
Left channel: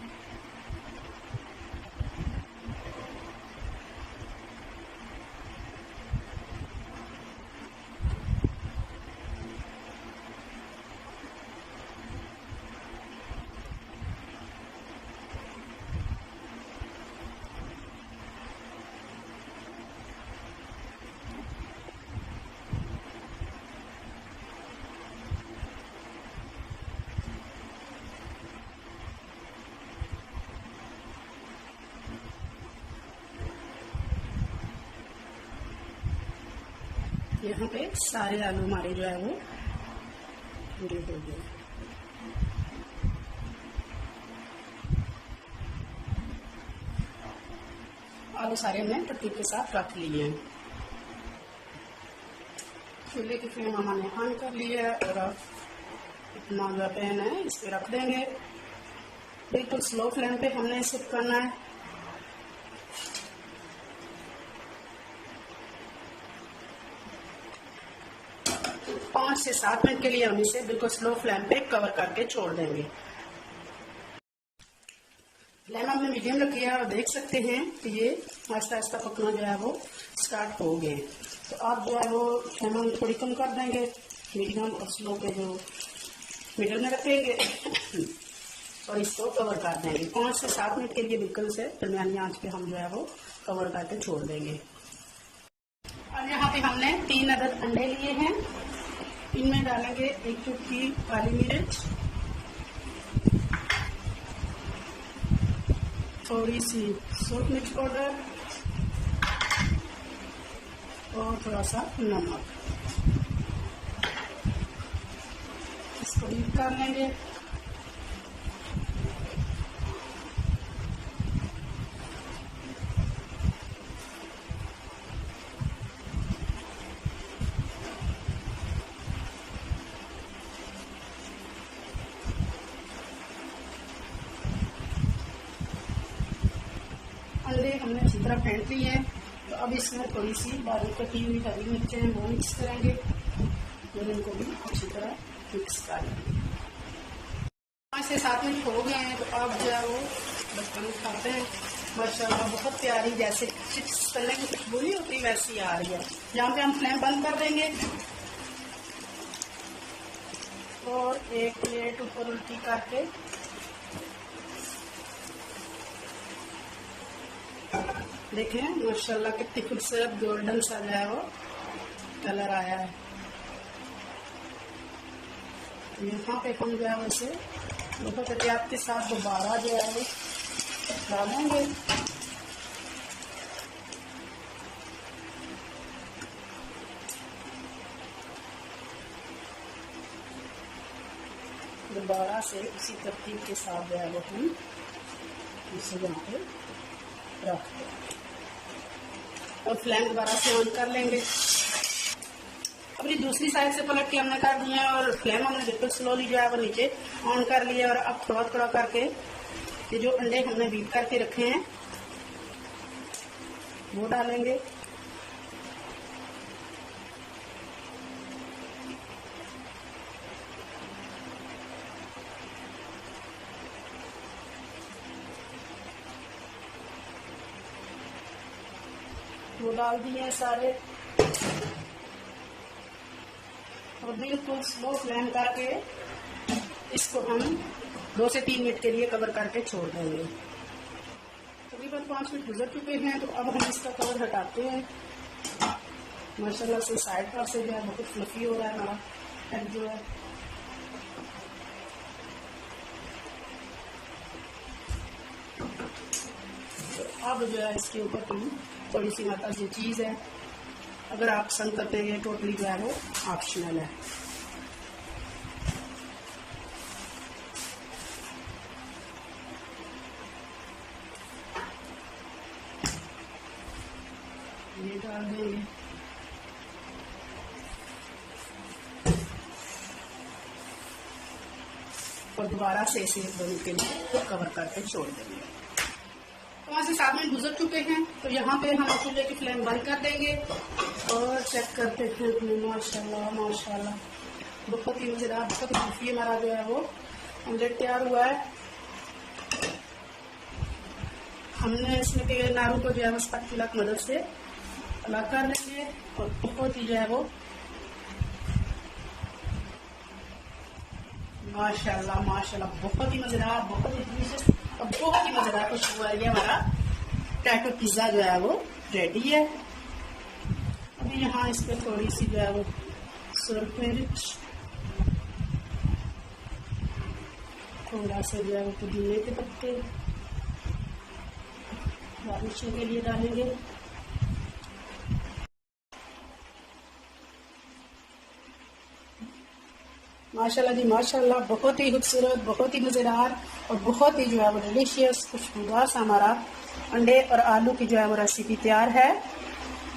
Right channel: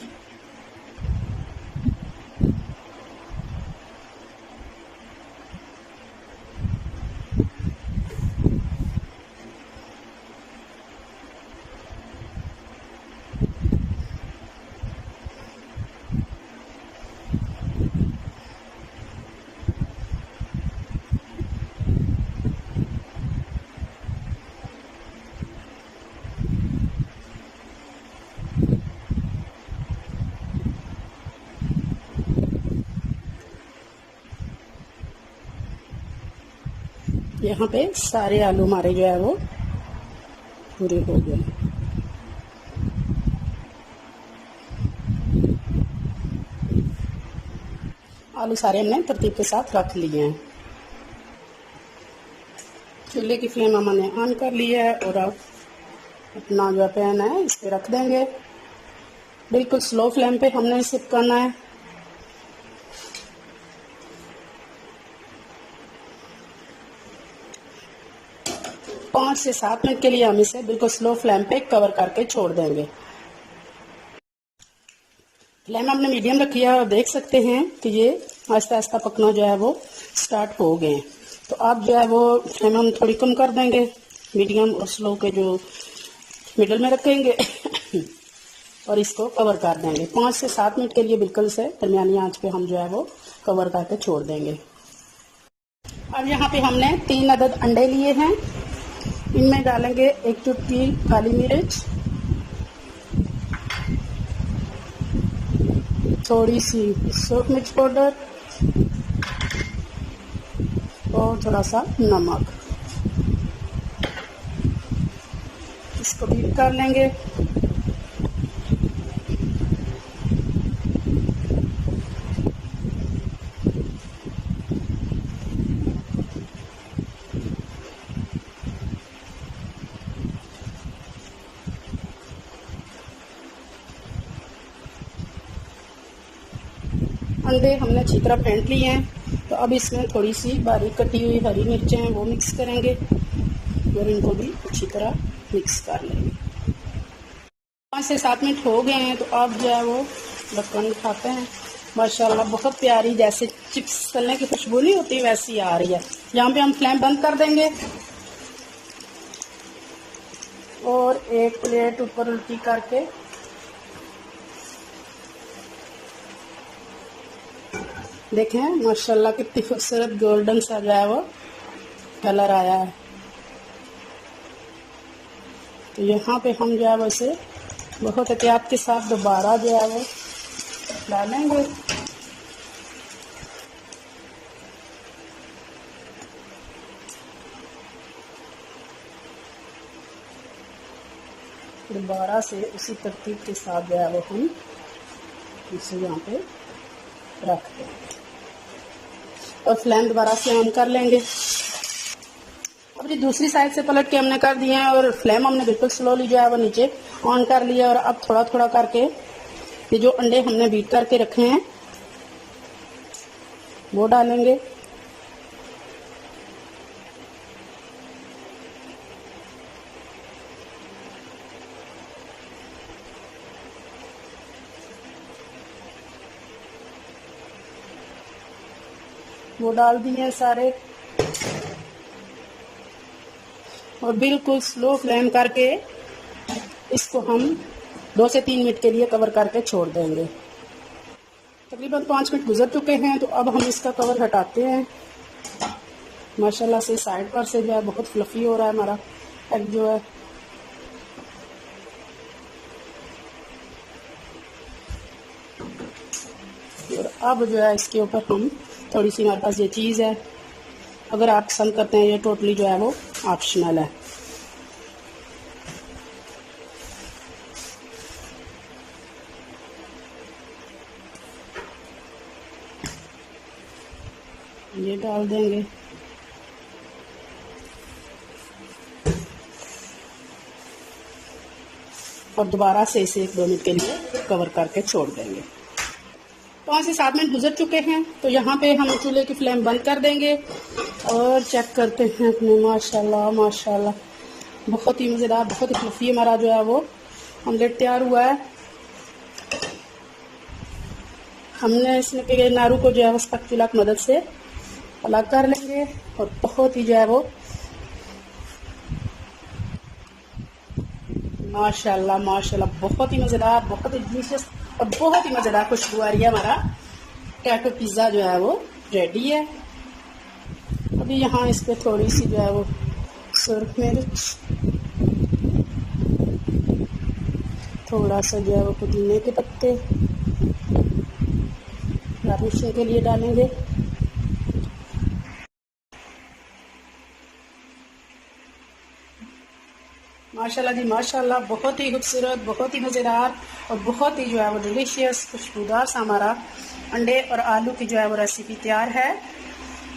यहाँ पे सारे आलू हमारे जो है वो पूरे हो गए। आलू सारे हमने तरतीब के साथ रख लिए हैं। चूल्हे की फ्लेम हमने ऑन कर ली है और अब अपना जो पैन है इस पे रख देंगे। बिल्कुल स्लो फ्लेम पे हमने इसे पकाना है। पाँच से 7 मिनट के लिए हम इसे बिल्कुल स्लो फ्लेम पे कवर करके छोड़ देंगे। फ्लेम हमने मीडियम रखी है और देख सकते हैं कि ये आहिस्ता आहिस्ता पकना जो है वो स्टार्ट हो गए। तो अब जो है वो फ्लेम हम थोड़ी कम कर देंगे, मीडियम और स्लो के जो मिडिल में रखेंगे और इसको कवर कर देंगे। 5 से 7 मिनट के लिए बिल्कुल से दरमियानी आंच पे हम जो है वो कवर करके छोड़ देंगे। अब यहाँ पे हमने 3 अदद अंडे लिए हैं। इनमें डालेंगे 1 चुटकी काली मिर्च, थोड़ी सी सूख मिर्च पाउडर और थोड़ा सा नमक। इसको बीट कर लेंगे। अंडे हमने अच्छी तरह फेंट लिए हैं। तो अब इसमें थोड़ी सी बारीक कटी हुई हरी मिर्चें हैं वो मिक्स करेंगे और इनको भी अच्छी तरह मिक्स कर लेंगे। 5 से 7 मिनट हो गए हैं। तो अब जो है वो ढक्कन उठाते हैं। माशाल्लाह बहुत प्यारी जैसे चिप्स तलने की खुशबू नहीं होती वैसी आ रही है। यहाँ पे हम फ्लेम बंद कर देंगे और एक प्लेट ऊपर उल्टी करके देखें माशाल्लाह कितनी खूबसूरत गोल्डन सा जो है वो कलर आया है। तो यहाँ पे हम जो है वो इसे बहुत एहतियात के साथ दोबारा जो है वो डालेंगे। दोबारा से उसी तरतीब के साथ जो है वो हम इसे यहाँ पे रख देंगे और फ्लेम दोबारा से ऑन कर लेंगे। अब ये दूसरी साइड से पलट के हमने कर दिए हैं और फ्लेम हमने बिल्कुल स्लोली जो है वो नीचे ऑन कर लिया। और अब थोड़ा थोड़ा करके ये जो अंडे हमने बीट करके रखे हैं वो डालेंगे। वो डाल दिए सारे और बिल्कुल स्लो फ्लेम करके इसको हम 2 से 3 मिनट के लिए कवर करके छोड़ देंगे। तकरीबन 5 मिनट गुजर चुके हैं। तो अब हम इसका कवर हटाते हैं। माशाल्लाह से साइड पर से जो है बहुत फ्लफी हो रहा है हमारा अब जो है। और अब जो है इसके ऊपर हम थोड़ी सी हमारे पास ये चीज़ है, अगर आप पसंद करते हैं, ये टोटली जो है वो ऑप्शनल है। ये डाल देंगे और दोबारा से इसे 1-2 मिनट के लिए कवर करके छोड़ देंगे। 5 से 7 मिनट गुजर चुके हैं। तो यहाँ पे हम चूल्हे की फ्लेम बंद कर देंगे और चेक करते हैं अपने। माशाल्लाह माशाल्लाह बहुत ही मज़ेदार, बहुत ही फ्लफी हमारा जो है वो ऑमलेट तैयार हुआ है। हमने इसमें के नारू को जो है स्पैचुला की मदद से अलग कर लेंगे और बहुत ही जो है वो माशाल्लाह माशाल्लाह बहुत ही मज़ेदार, बहुत ही डिलीशियस और बहुत ही मज़ेदार खुशबू आ रही है। हमारा टैको पिज़्ज़ा जो है वो रेडी है। अभी यहाँ इस पर थोड़ी सी जो है वो सुर्ख मिर्च, थोड़ा सा जो है वो पुदीने के पत्ते गार्निशिंग के लिए डालेंगे। माशाल्लाह जी माशाल्लाह, बहुत ही खूबसूरत, बहुत ही मज़ेदार और बहुत ही जो है वो डिलीशियस खुशबूदार सा हमारा अंडे और आलू की जो है वो रेसिपी तैयार है।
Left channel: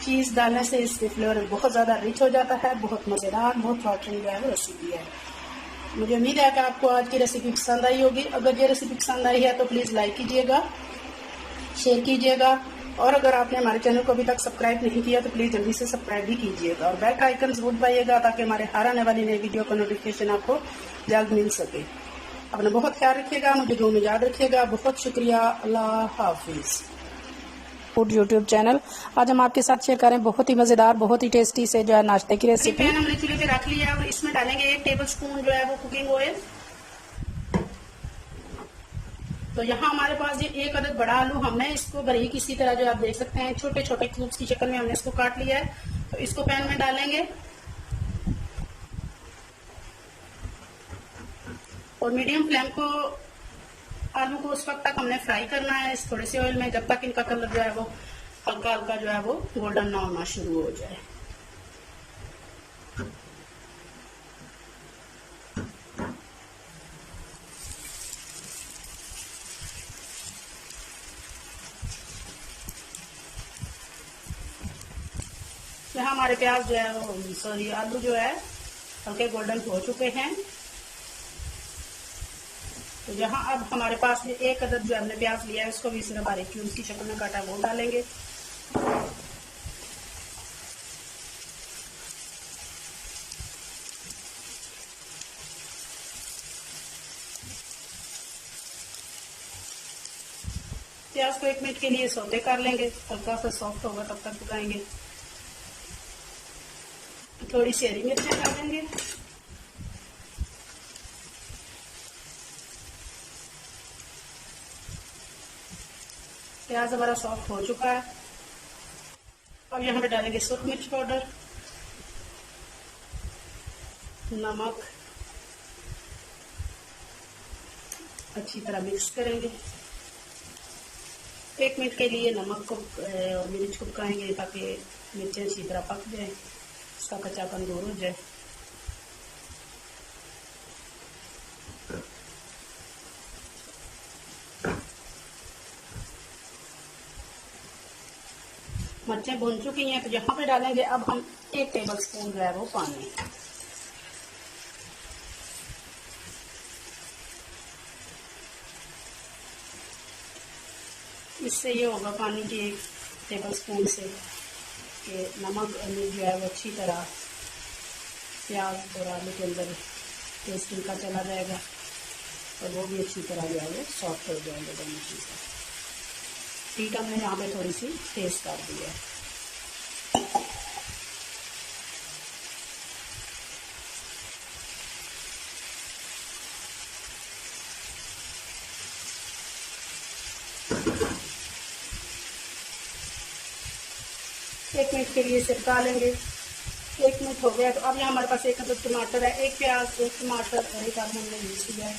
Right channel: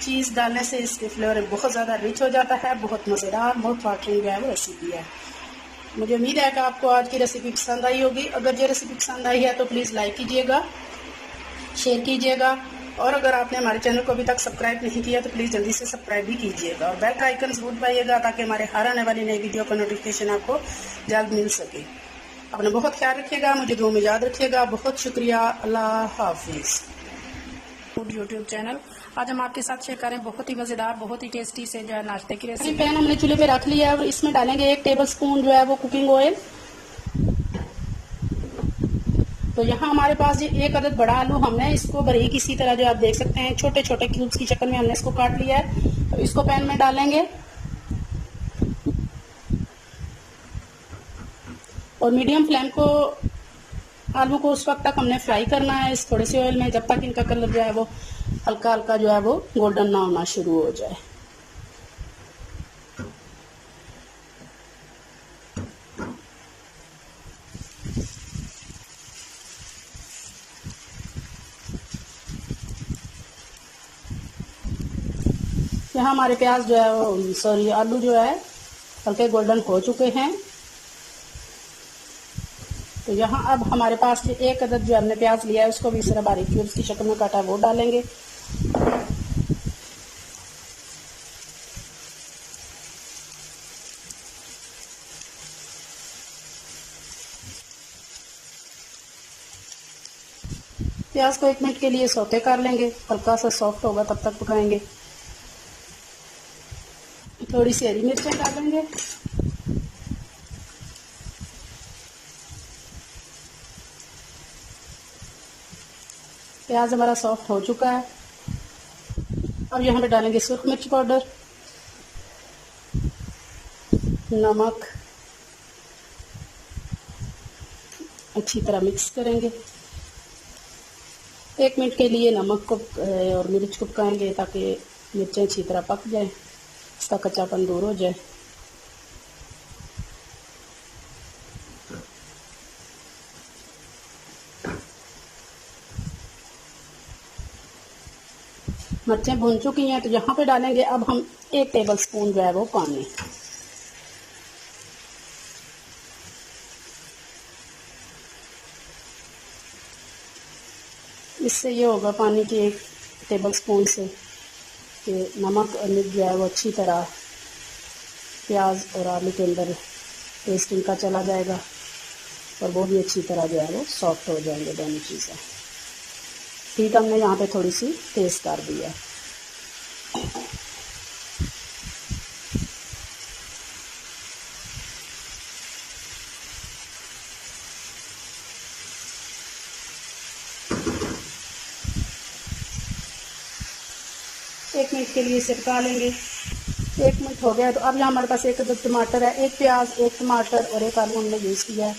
चीज़ डालने से इसके फ्लेवर बहुत ज़्यादा रिच हो जाता है, बहुत मज़ेदार माउथ वाटरिंग जो है वो रेसिपी है। मुझे उम्मीद है कि आपको आज की रेसिपी पसंद आई होगी। अगर ये रेसिपी पसंद आई है तो प्लीज़ लाइक कीजिएगा, शेयर कीजिएगा, और अगर आपने हमारे चैनल को अभी तक सब्सक्राइब नहीं किया तो प्लीज़ जल्दी से सब्सक्राइब भी कीजिएगा और बेल का आइकन जरूर दबाइएगा ताकि हमारे हर आने वाली नई वीडियो का नोटिफिकेशन आपको जल्द मिल सके। अपना बहुत ख्याल रखिएगा, मुझे दुआ में याद रखिएगा। बहुत शुक्रिया, अल्लाह हाफिज़। Food YouTube channel. आज हम आपके साथ शेयर करें बहुत ही मज़ेदार, बहुत ही टेस्टी से जो है नाश्ते की रेसिपी। पैन हमने चूल्हे पे रख लिया है और इसमें डालेंगे 1 टेबल स्पून जो है वो कुकिंग ऑयल। तो यहाँ हमारे पास ये 1 अदद बड़ा आलू, हमने इसको बारीक इसी तरह जो आप देख सकते हैं छोटे छोटे क्यूब्स की शक्ल में हमने इसको काट लिया है। तो इसको पैन में डालेंगे और मीडियम फ्लेम को आलू को उस वक्त तक हमने फ्राई करना है इस थोड़े से ऑयल में जब तक इनका कलर जो है वो हल्का हल्का जो है वो गोल्डन ना होना शुरू हो जाए। यहाँ हमारे प्याज जो है वो सॉरी आलू जो है हल्के गोल्डन हो चुके हैं। तो यहाँ अब हमारे पास 1 अदद जो हमने प्याज लिया है उसको भी इस तरह बारीक क्यूब्स की शक्ल में काटा है वो डालेंगे। प्याज को 1 मिनट के लिए सौते कर लेंगे, हल्का सा सॉफ्ट होगा तब तक पकाएंगे। थोड़ी सी हरी मिर्चें डालेंगे, प्याज हमारा सॉफ्ट हो चुका है। अब यहाँ पे डालेंगे सुर्ख मिर्च पाउडर, नमक, अच्छी तरह मिक्स करेंगे। 1 मिनट के लिए नमक को और मिर्च को पकाएंगे ताकि मिर्चें अच्छी तरह पक जाए, इसका कच्चापन दूर हो जाए। मिर्चें भून चुकी हैं तो यहाँ पे डालेंगे अब हम 1 टेबल स्पून जो है वो पानी। इससे ये होगा पानी के 1 टेबल स्पून से कि नमक और मिर्च जो है वो अच्छी तरह प्याज और आलू के अंदर टेस्ट इनका चला जाएगा और वो भी अच्छी तरह जो है वो सॉफ्ट हो जाएंगे दोनों चीज़ें। हीट हमने यहाँ पे थोड़ी सी तेज कर दी है। एक मिनट के लिए सिरका लेंगे। 1 मिनट हो गया तो अब यहाँ हमारे पास 1 अदद टमाटर है, 1 प्याज, 1 टमाटर और 1 आलू हमने यूज़ किया है,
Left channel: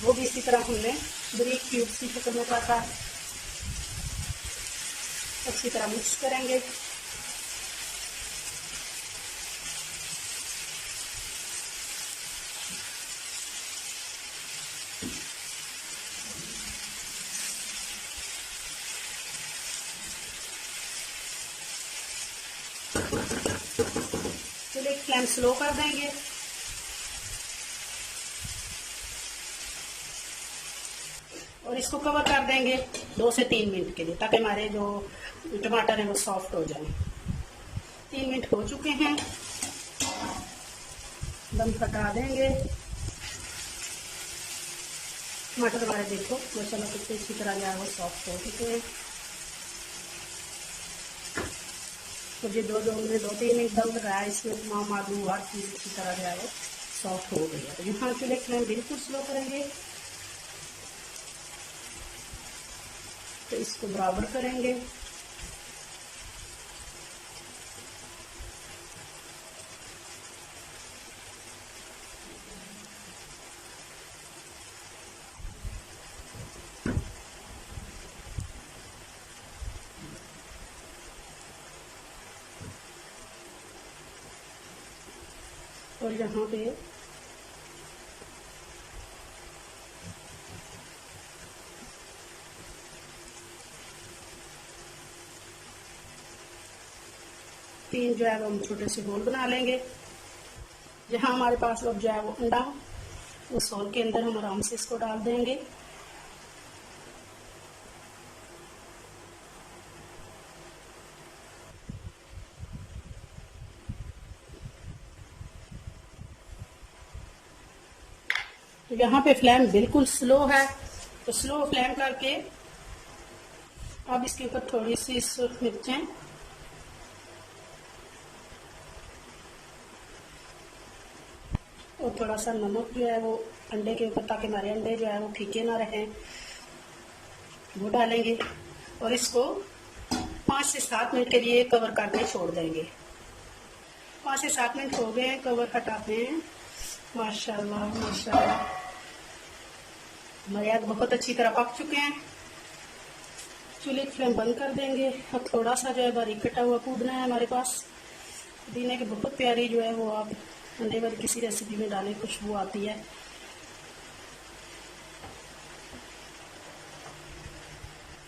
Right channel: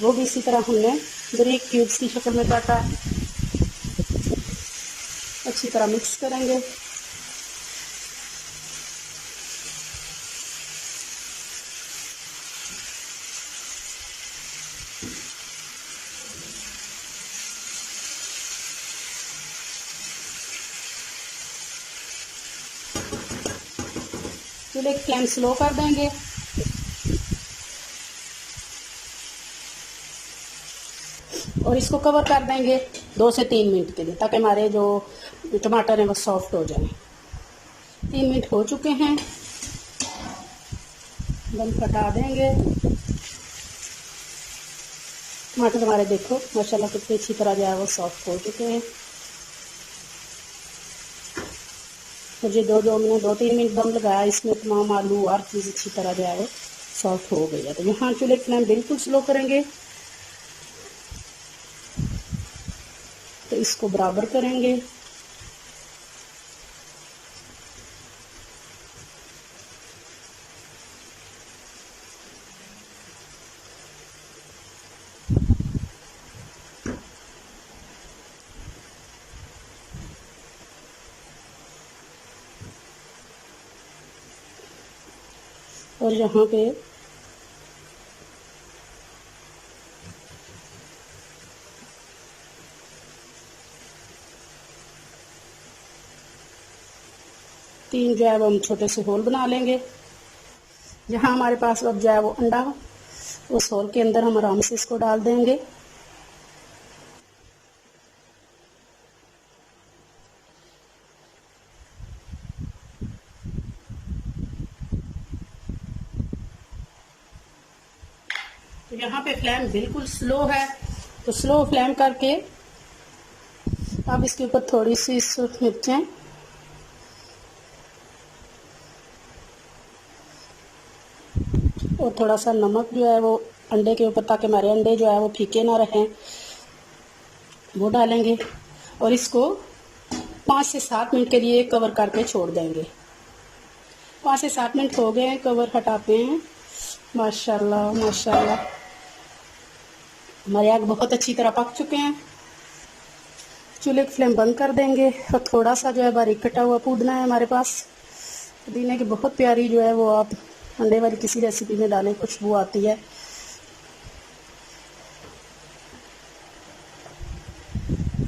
वो भी इसी तरह हमने बारीक क्यूब्स की शक्ल में काटा है। अच्छी तरह मिक्स करेंगे। चूल्हे की फ्लेम स्लो कर देंगे और इसको कवर कर देंगे 2 से 3 मिनट के लिए ताकि हमारे जो टमाटर हैं वो सॉफ्ट हो जाए। 3 मिनट हो चुके हैं, दम हटा देंगे। टमाटर हमारे देखो माशाल्लाह कितनी अच्छी तरह जो है वो सॉफ्ट हो चुके हैं। मुझे जो हमने 2-3 मिनट दम लगाया इसमें तमाम आलू हर चीज़ अच्छी तरह जो है वो सॉफ्ट हो गई है। तो यहाँ चूल्हे की फ्लेम बिल्कुल स्लो करेंगे, तो इसको बराबर करेंगे। और यहाँ पे 3 जो है वो हम छोटे से होल बना लेंगे। जहाँ हमारे पास अब जो है वो अंडा हो, उस होल के अंदर हम आराम से इसको डाल देंगे। यहाँ पे फ्लेम बिल्कुल स्लो है, तो स्लो फ्लेम करके अब इसके ऊपर थोड़ी सी सूख मिर्चें और थोड़ा सा नमक जो है वो अंडे के ऊपर, ताकि हमारे अंडे जो है वो फीके ना रहें, वो डालेंगे और इसको 5 से 7 मिनट के लिए कवर करके छोड़ देंगे। 5 से 7 मिनट हो गए, कवर हटाते हैं। माशाल्लाह माशाल्लाह, हमारे आग बहुत अच्छी तरह पक चुके हैं। चूल्हे की फ्लेम बंद कर देंगे और थोड़ा सा जो है बारीक कटा हुआ पुदीना है हमारे पास। पुदीने की बहुत प्यारी जो है वो आप अंडे वाली किसी रेसिपी में डालें, खुशबू आती है।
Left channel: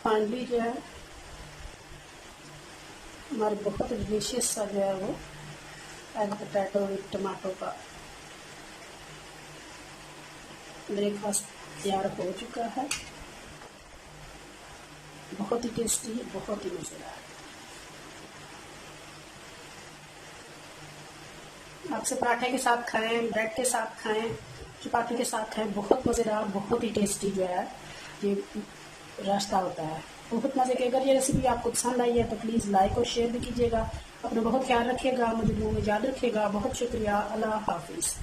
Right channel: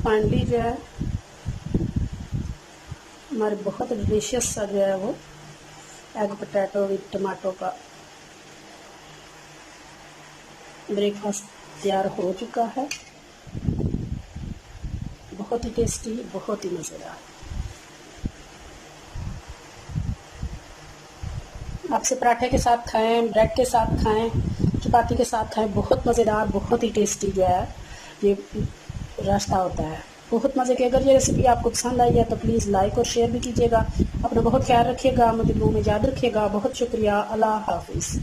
फाइनली जो है हमारे बहुत डिलीशियस सा जो है वो एग पोटैटो विद टमाटो का ब्रेकफास्ट तैयार हो चुका है। बहुत ही टेस्टी, बहुत ही मज़ेदार। आपसे पराठे के साथ खाएं, ब्रेड के साथ खाएं, चपाती के साथ खाएं, बहुत मज़ेदार, बहुत ही टेस्टी जो है ये रास्ता होता है, बहुत मज़े के। अगर ये रेसिपी आपको पसंद आई है तो प्लीज़ लाइक और शेयर भी कीजिएगा। अपना बहुत ख्याल रखिएगा, मुझे दुआ में याद रखिएगा। बहुत शुक्रिया। अल्लाह हाफिज़।